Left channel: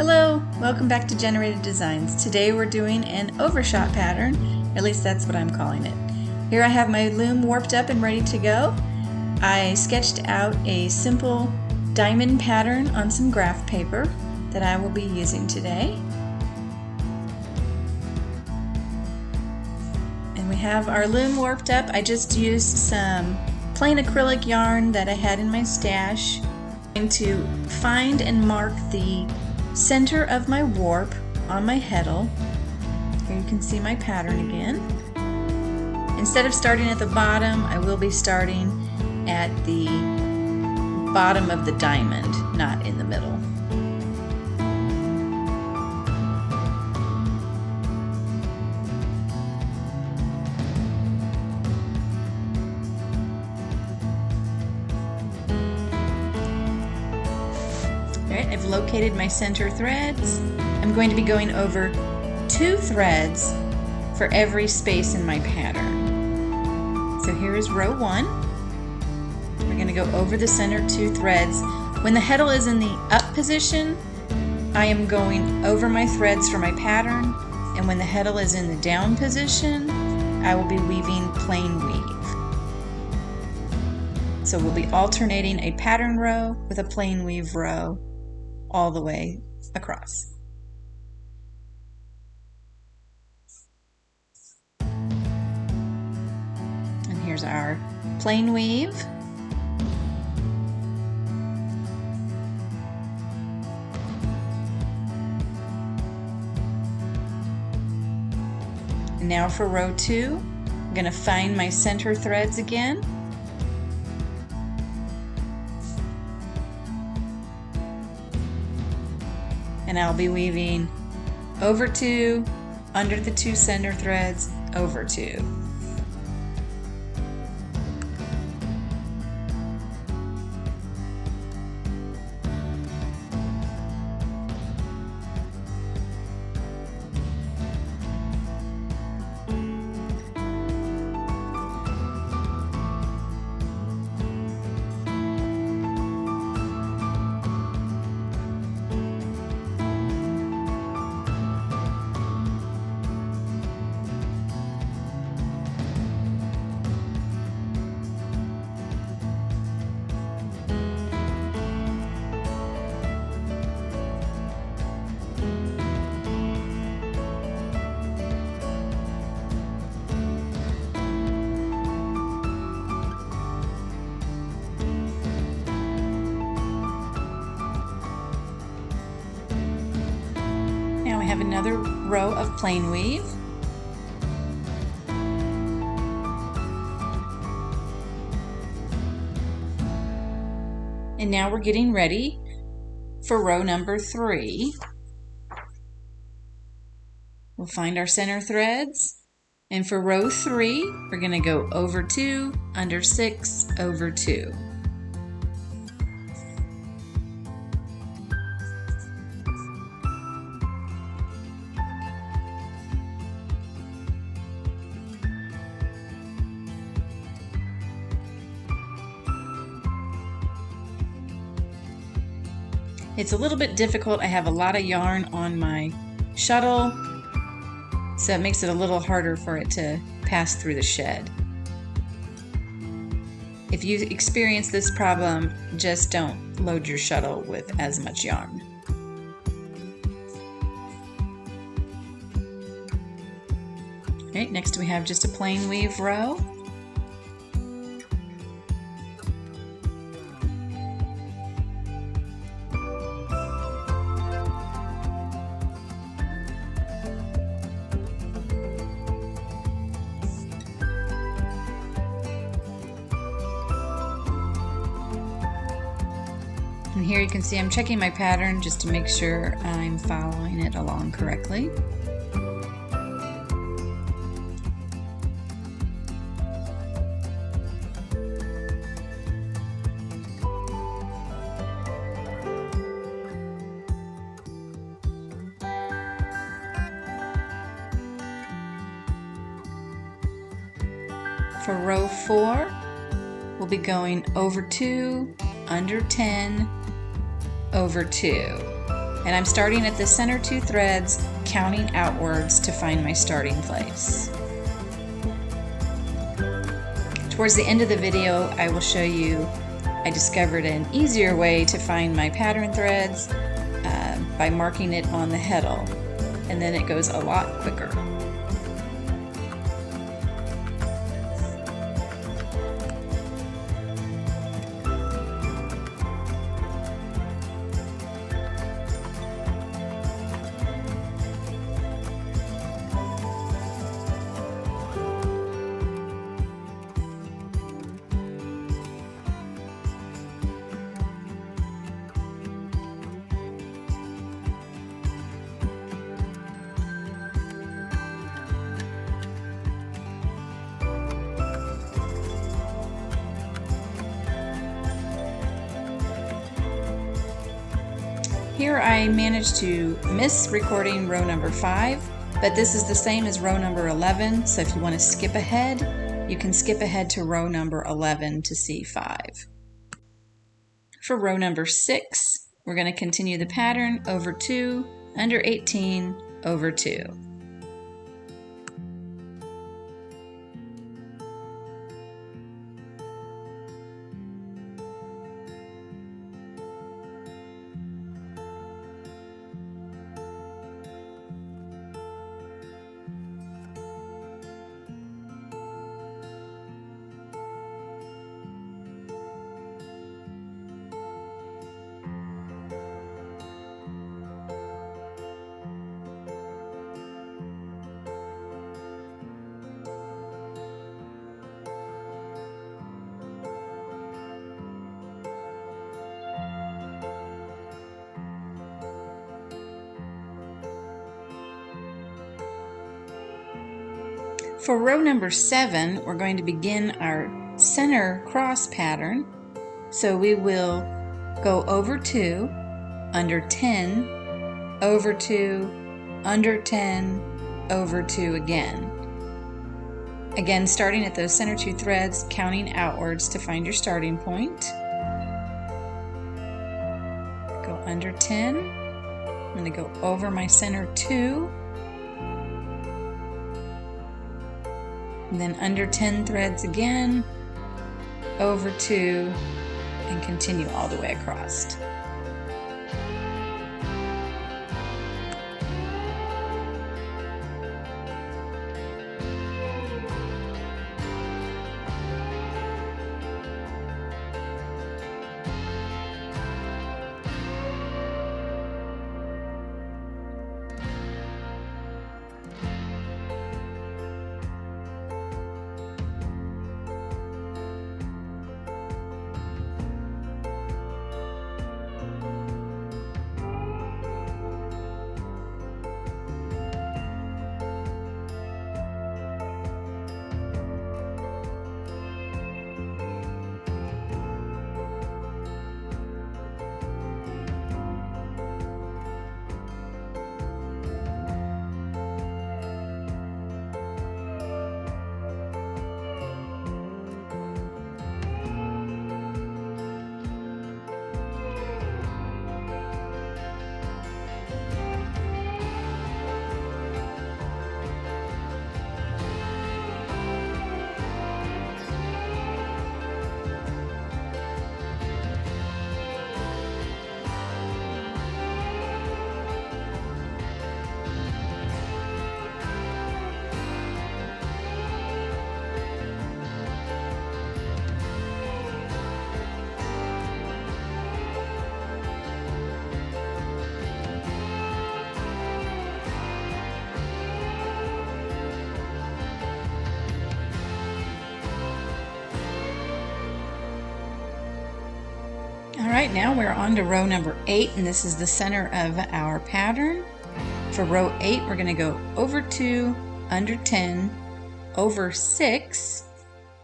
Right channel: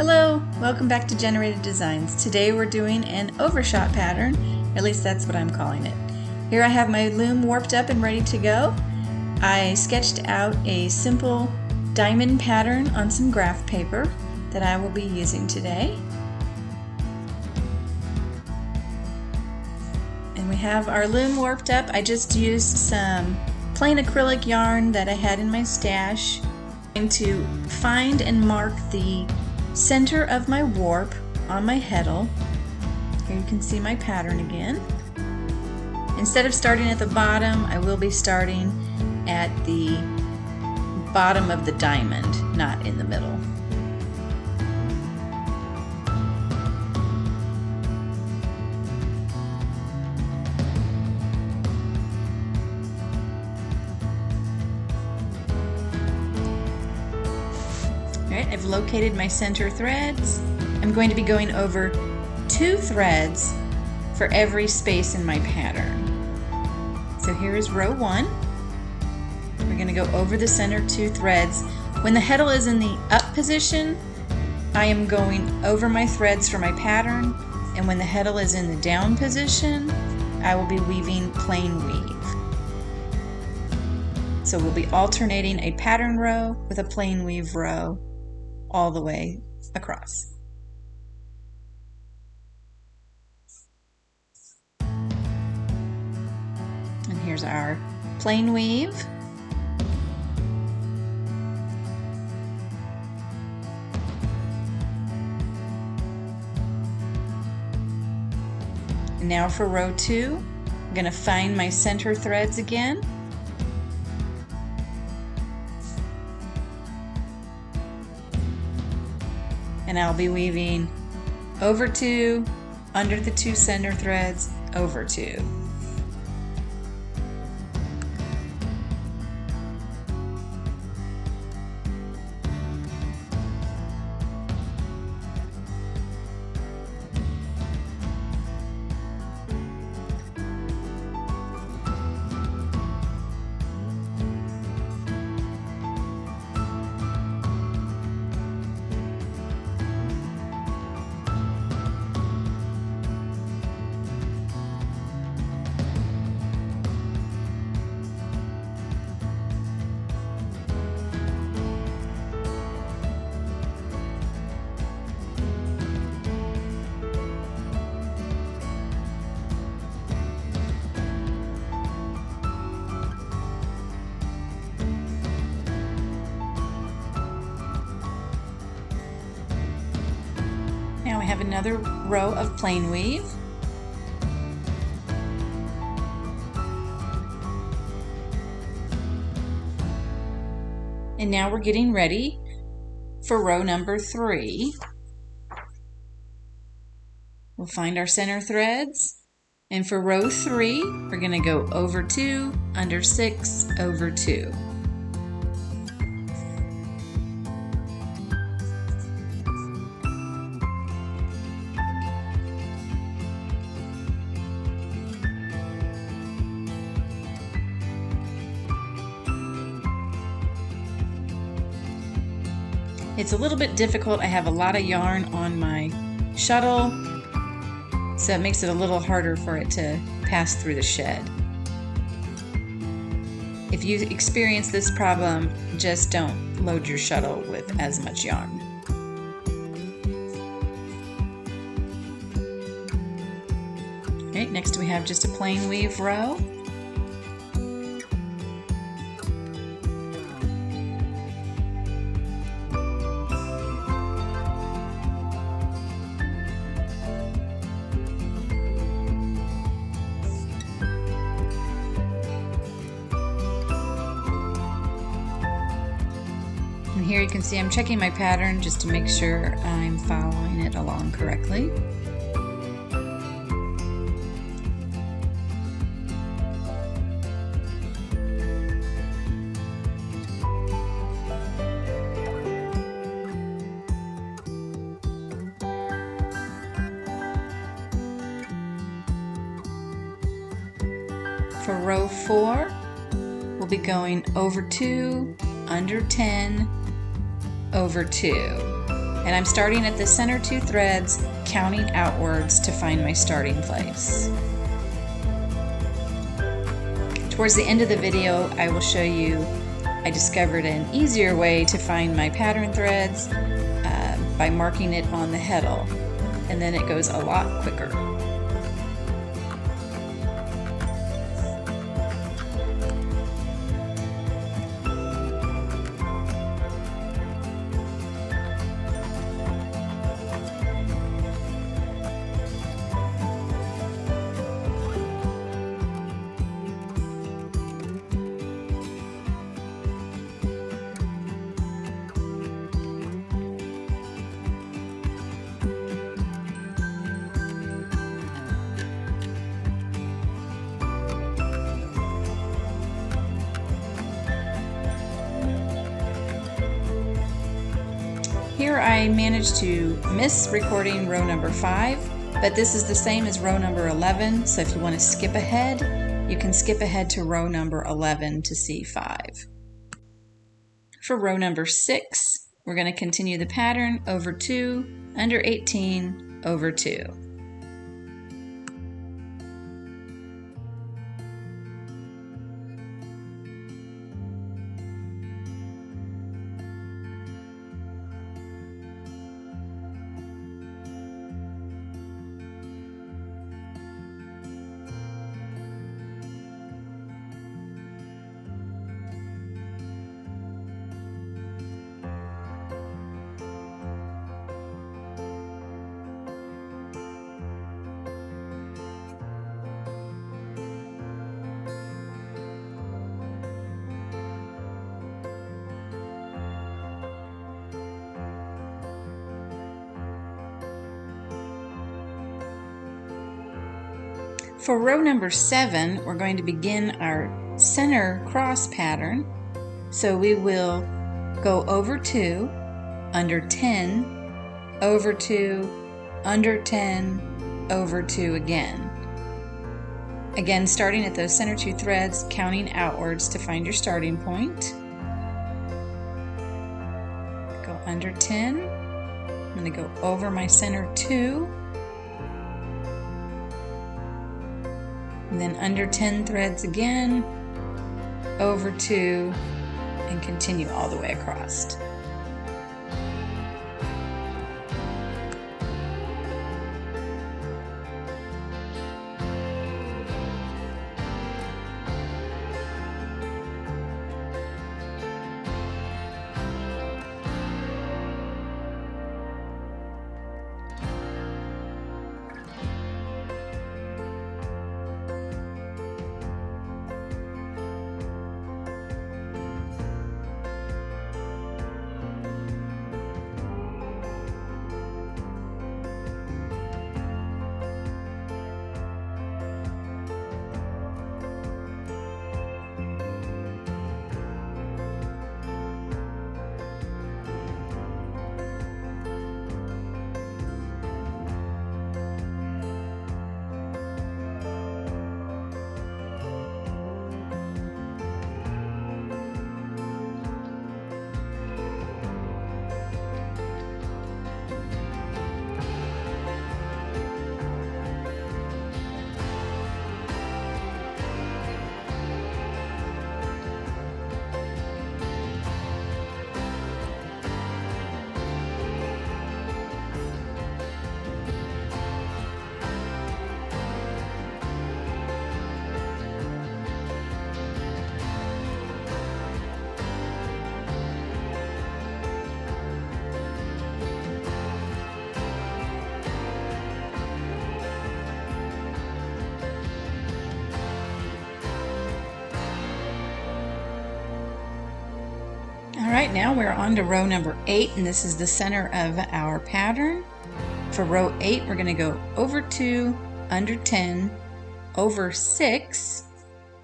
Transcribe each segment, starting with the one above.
Hello, welcome back to Generated Designs. Today we're doing an overshot pattern, at least that's what I'm calling it. Here I have my loom warped up and ready to go. I sketched out a simple diamond pattern on some graph paper that I will be using today. And we have our loom warped up. I just used some plain acrylic yarn that I had in my stash. I'm going to find and mark the center of my warp on my heddle. Here you can see my pattern again. Instead of starting at the bottom, I will be starting at the bottom of the diamond, not in the middle. Alright, I've located my center threads. I'm going to be going over 2 threads for every space in my pattern. So here is row 1. We're going to go over the center 2 threads. When the heddle is in the up position, I am going over my threads for my pattern, and when the heddle is in the down position, I will be weaving plain weave. So we'll be alternating a pattern row with a plain weave row all the way across. And here's our plain weave. And now for row 2, I'm going to find my center threads again. And I'll be weaving over 2, under the 2 center threads, over 2. Now we have another row of plain weave. And now we're getting ready for row number 3. We'll find our center threads, and for row 3 we're going to go over 2, under 6, over 2. It's a little bit difficult. I have a lot of yarn on my shuttle, so it makes it a little harder for it to pass through the shed. If you experience this problem, just don't load your shuttle with as much yarn. Okay, next we have just a plain weave row. And here you can see I'm checking my pattern just to make sure I'm following it along correctly. For row 4, we'll be going over 2, under 10, over 2. And I'm starting at the center 2 threads, counting outwards to find my starting place. Towards the end of the video, I will show you I discovered an easier way to find my pattern threads by marking it on the heddle, and then it goes a lot quicker. Here I managed to miss recording row number 5, but this is the same as row number 11, so if you want to skip ahead, you can skip ahead to row number 11 to see 5. For row number 6, we're going to continue the pattern over 2, under 18, over 2. For row number 7, we're going to begin our center cross pattern. So we will go over 2, under 10, over 2, under 10, over 2 again. Again, starting at those center 2 threads, counting outwards to find your starting point. Go under 10. I'm going to go over my center 2. And then under 10 threads again, over 2, and continue all the way across. All right, now we're on to row number 8, and this is the center of our pattern. For row 8, we're going to go over 2, under 10, over 6,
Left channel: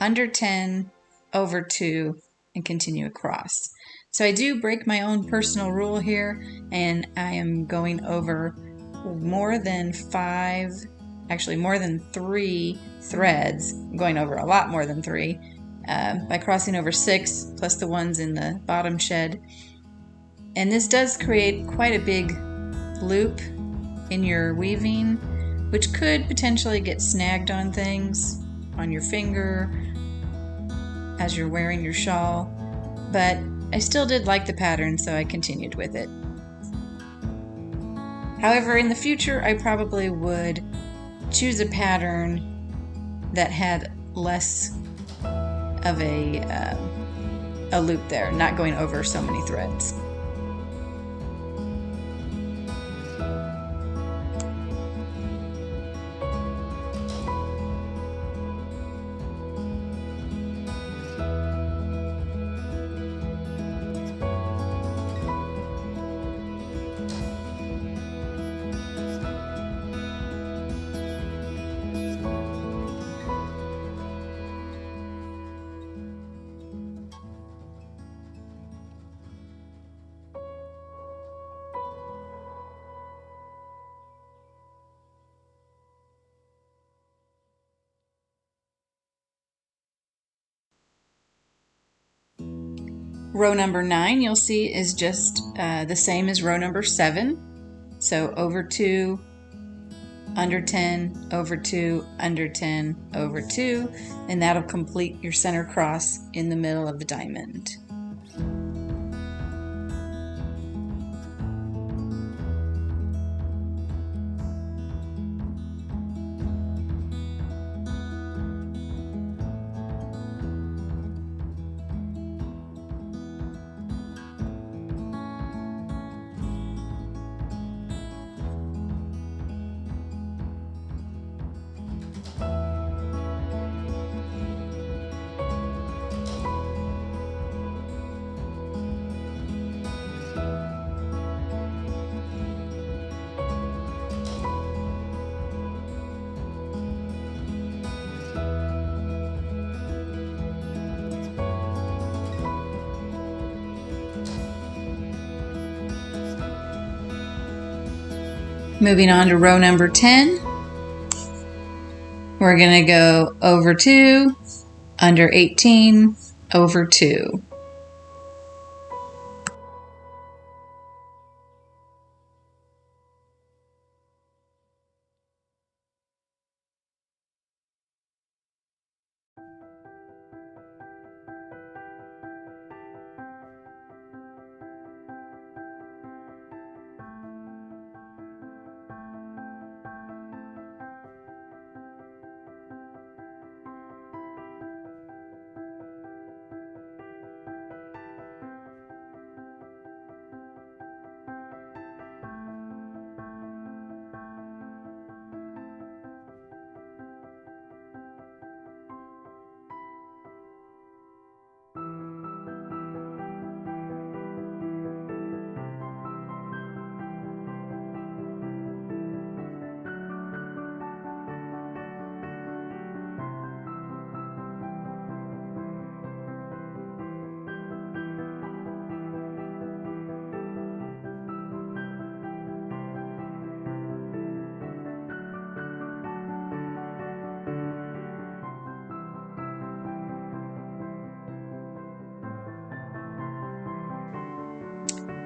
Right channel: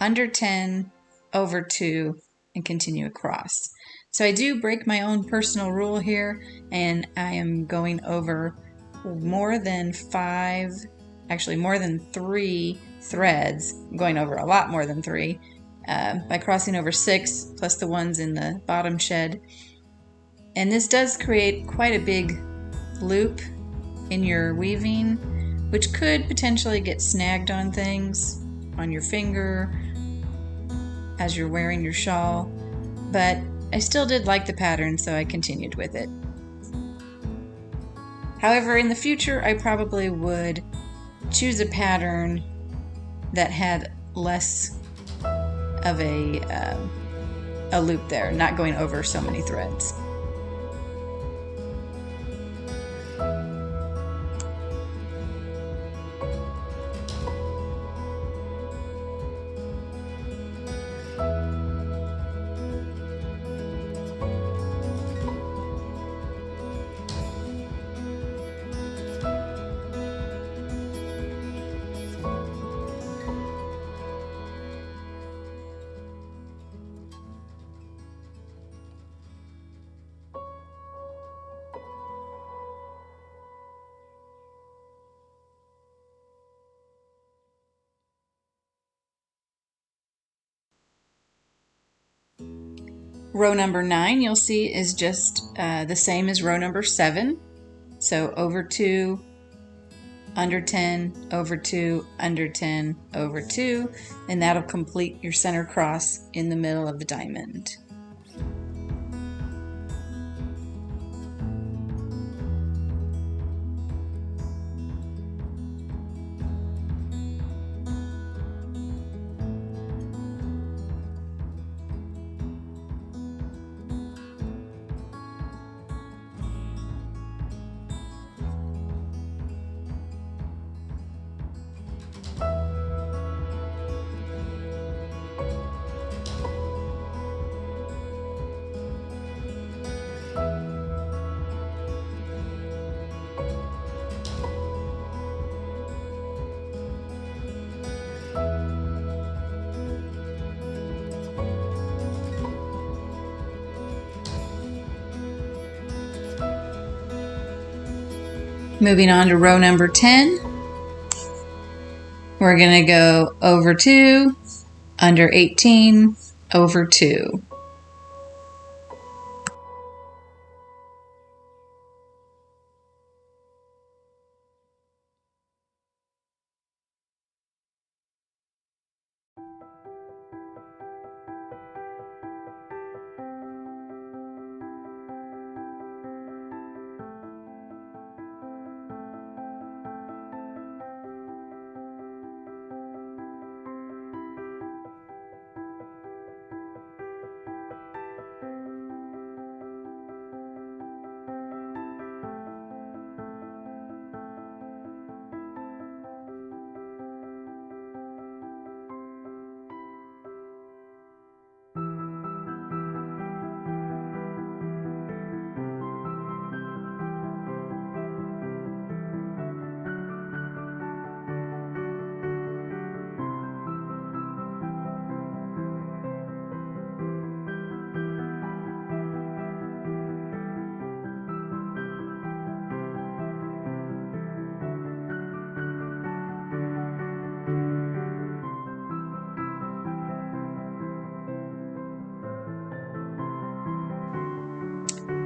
under 10, over 2, and continue across. So I do break my own personal rule here, and I am going over more than 5, actually more than 3 threads. I'm going over a lot more than 3. By crossing over 6 plus the ones in the bottom shed. And this does create quite a big loop in your weaving, which could potentially get snagged on things, on your finger, as you're wearing your shawl. But I still did like the pattern, so I continued with it. However, in the future, I probably would choose a pattern that had less of a loop there, not going over so many threads. Row number 9, you'll see, is just the same as row number 7. So over 2, under 10, over 2, under 10, over 2, and that'll complete your center cross in the middle of the diamond. Moving on to row number 10, we're going to go over 2, under 18, over 2.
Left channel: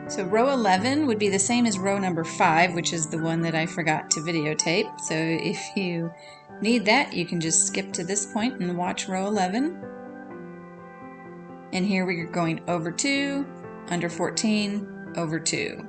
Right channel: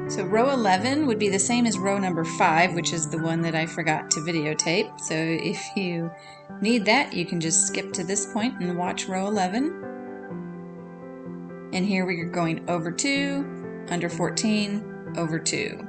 So row 11 would be the same as row number 5, which is the one that I forgot to videotape. So if you need that, you can just skip to this point and watch row 11. And here we're going over 2, under 14, over 2.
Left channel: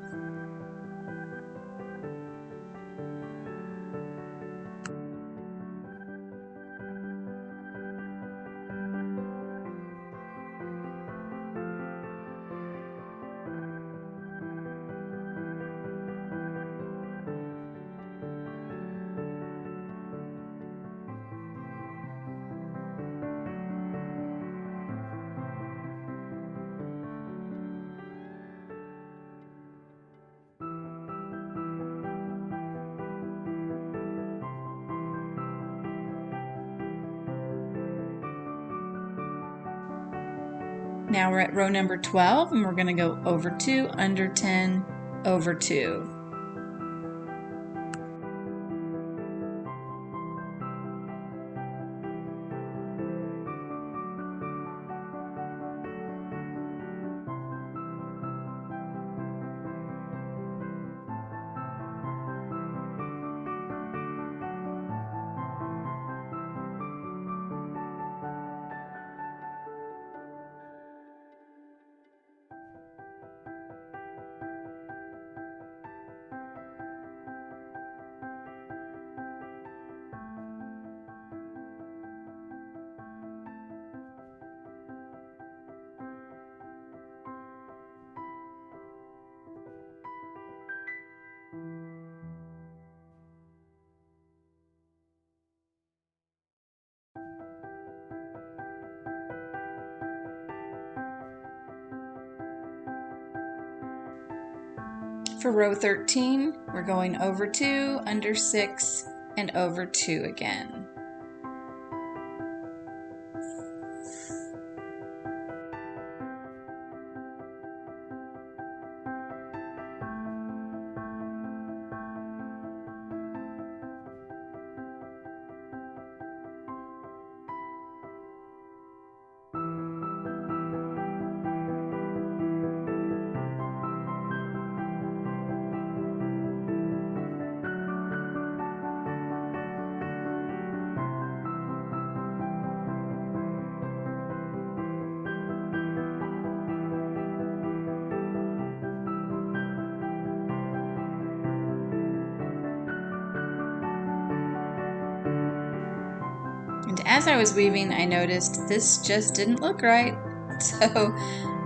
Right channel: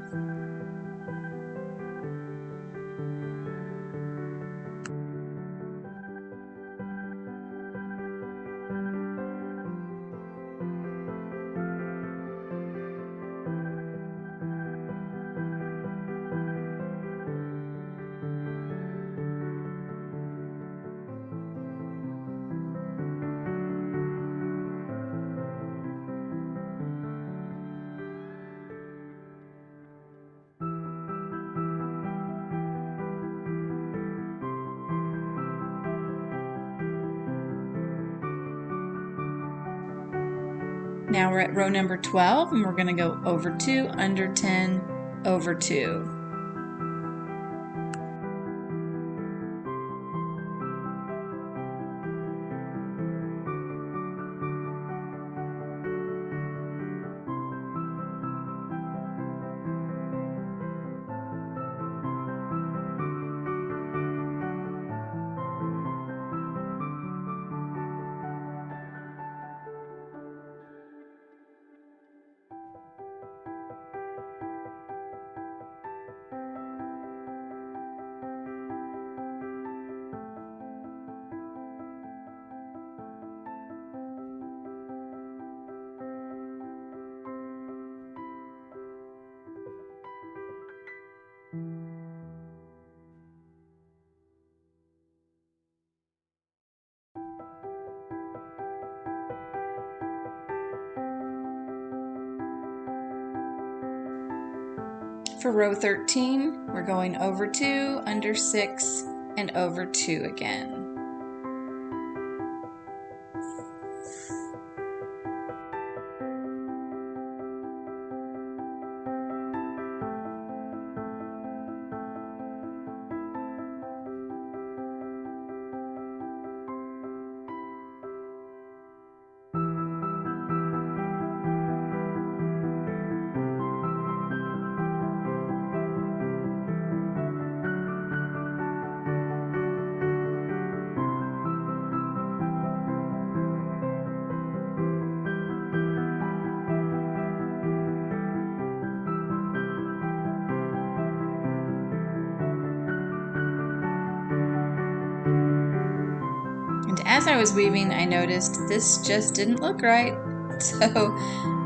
Now we're at row number 12, and we're going to go over 2, under 10, over 2. For row 13, we're going over 2, under 6, and over 2 again. And as I was weaving, I noticed this just didn't look right. So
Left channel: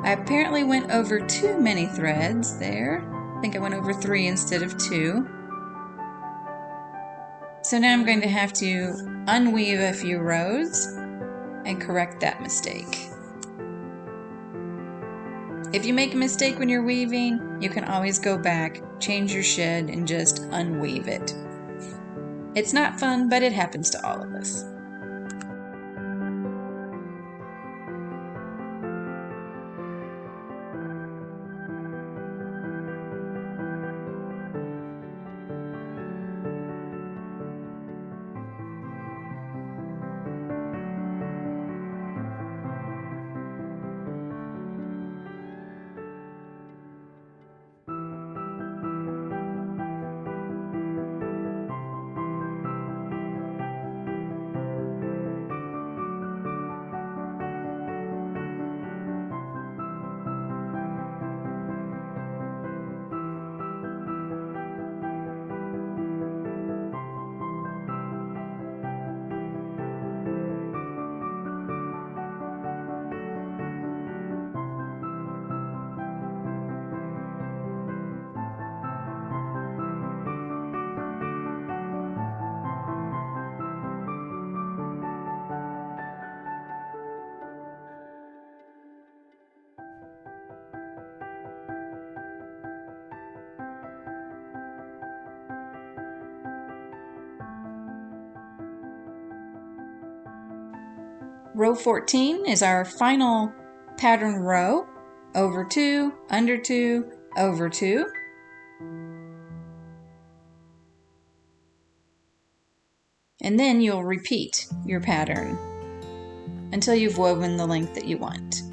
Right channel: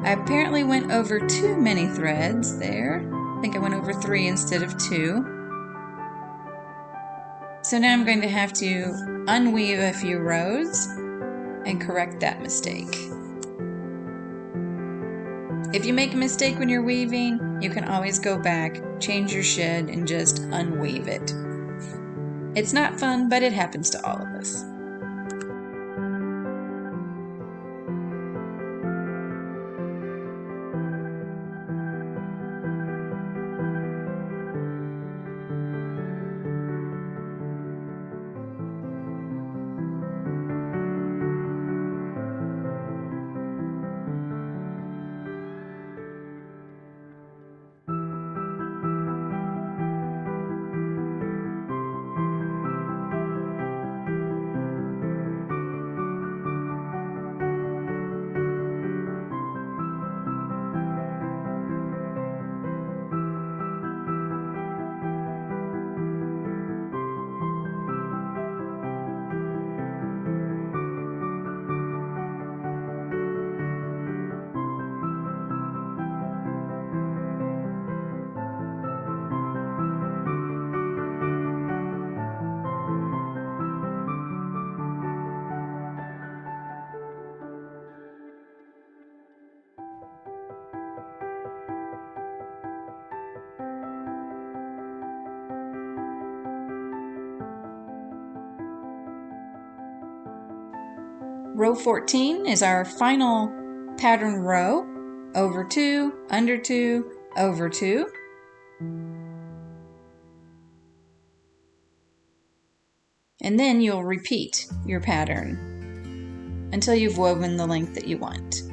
I apparently went over too many threads there. I think I went over 3 instead of 2. So now I'm going to have to unweave a few rows and correct that mistake. If you make a mistake when you're weaving, you can always go back, change your shed, and just unweave it. It's not fun, but it happens to all of us. Row 14 is our final pattern row. Over 2, under 2, over 2. And then you'll repeat your pattern until you've woven the length that you want.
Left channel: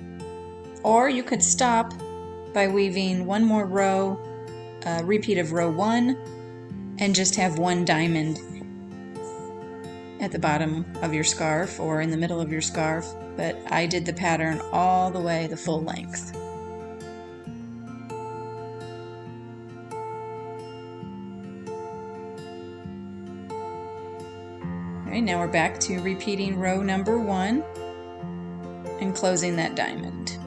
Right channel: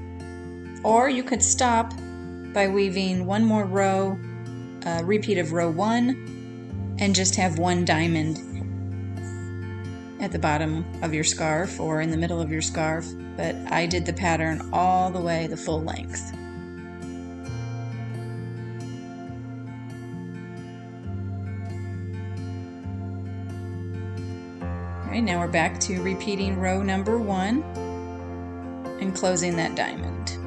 Or you could stop by weaving one more row, a repeat of row 1, and just have one diamond at the bottom of your scarf or in the middle of your scarf, but I did the pattern all the way the full length. All right, now we're back to repeating row number 1 and closing that diamond.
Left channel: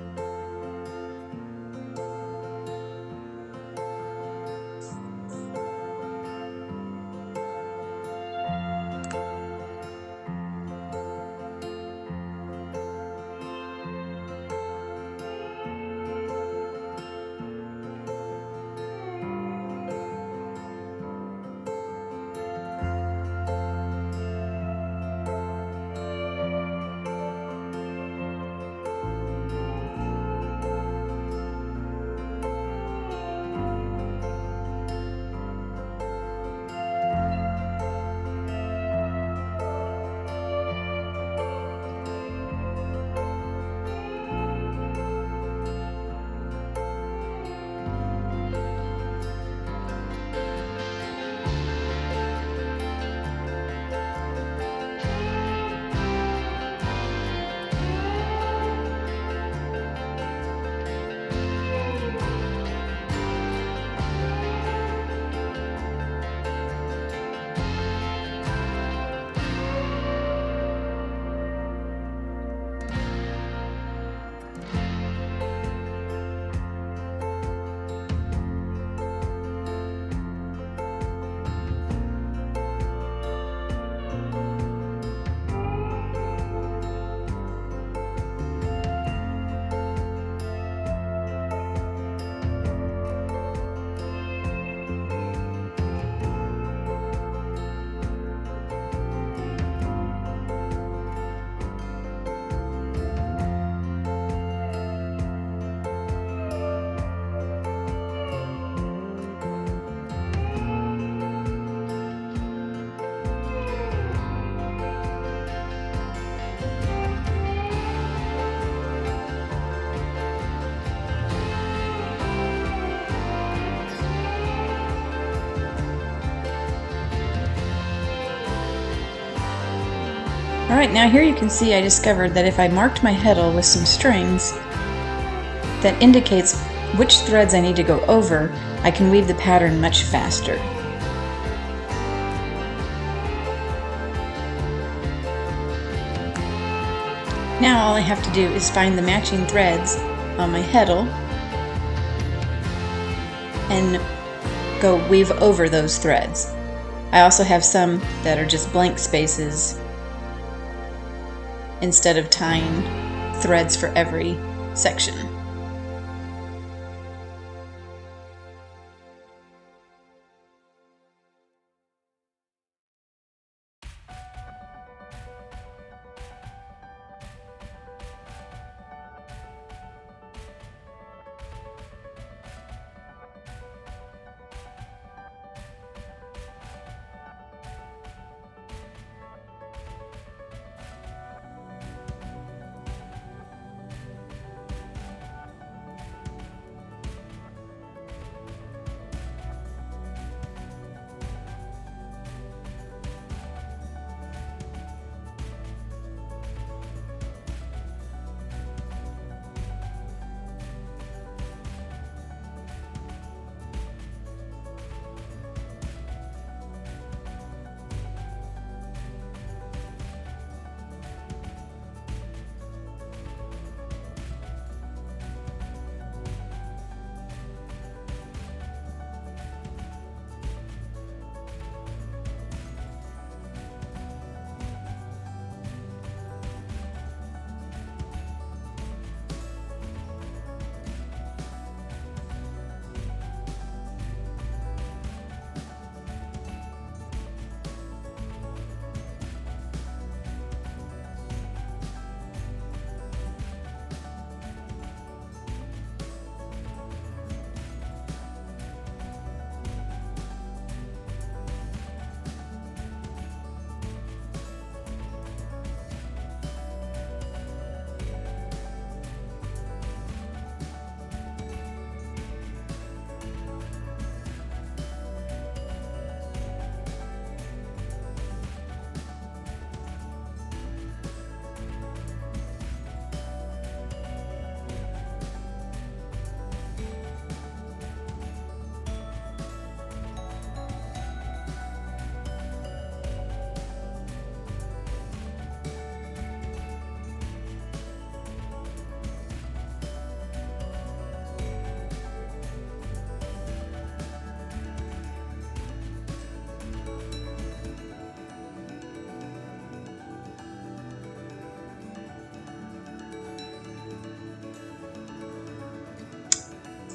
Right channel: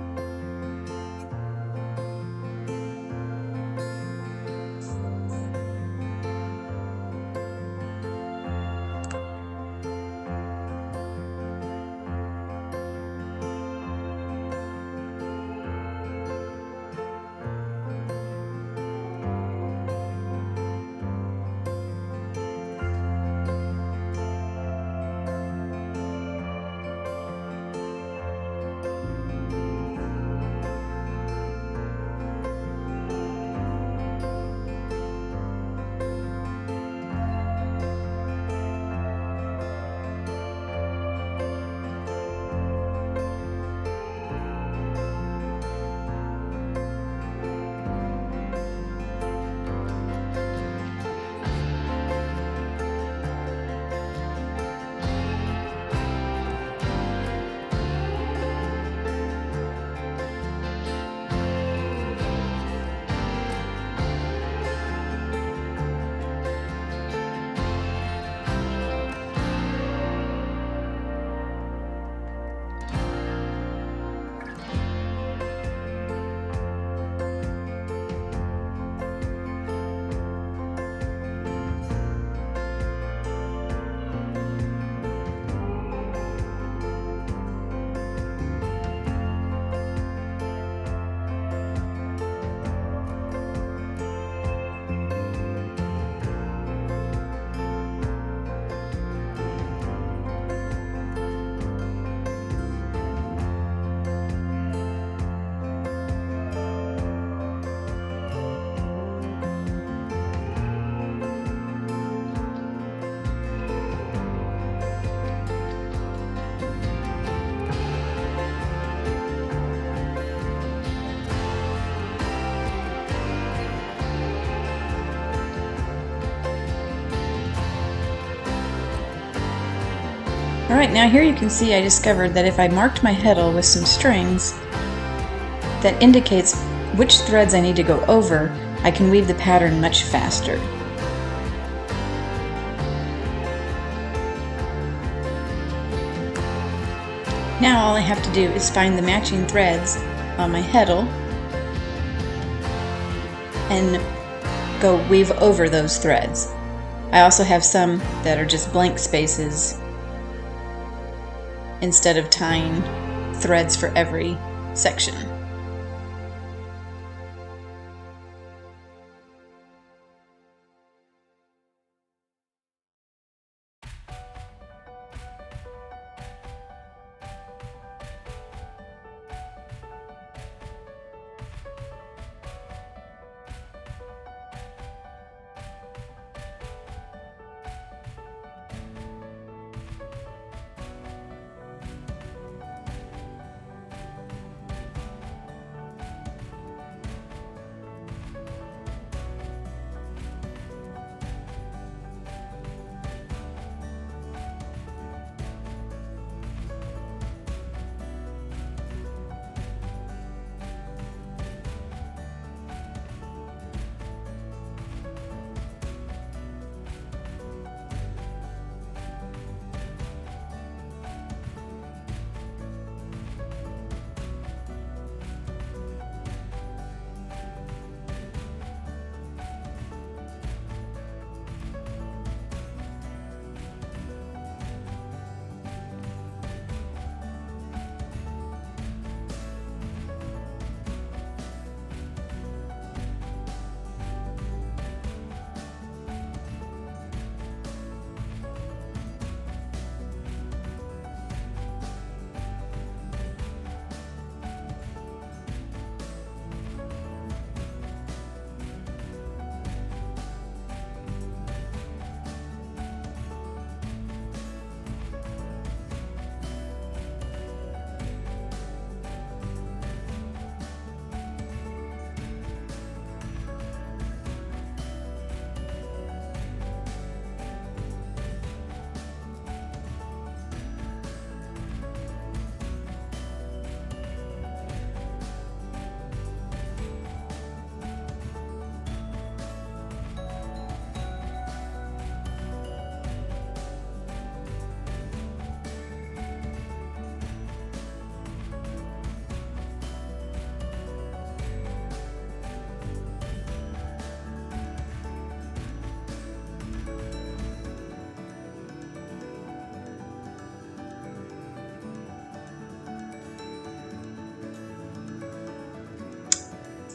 Alright, now here you can see I discovered that if I marked my heddle with some strings, that indicates which threads I need to go over, I can weave the pattern much faster. Now all I have to do is find the matching threads on my heddle and go weave over those threads. I also have some that are just blank spaces instead of tying threads for every section.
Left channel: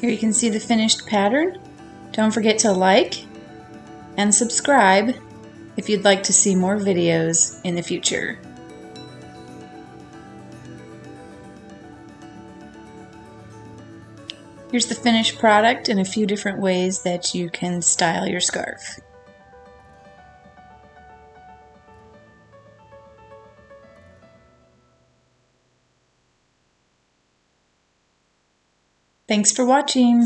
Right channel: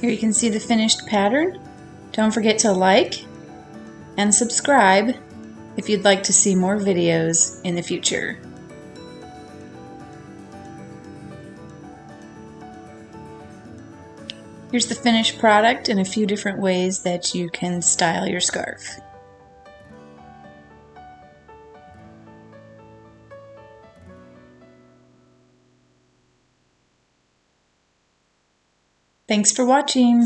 Here you can see the finished pattern. Don't forget to like and subscribe if you'd like to see more videos in the future. Here's the finished product in a few different ways that you can style your scarf. Thanks for watching.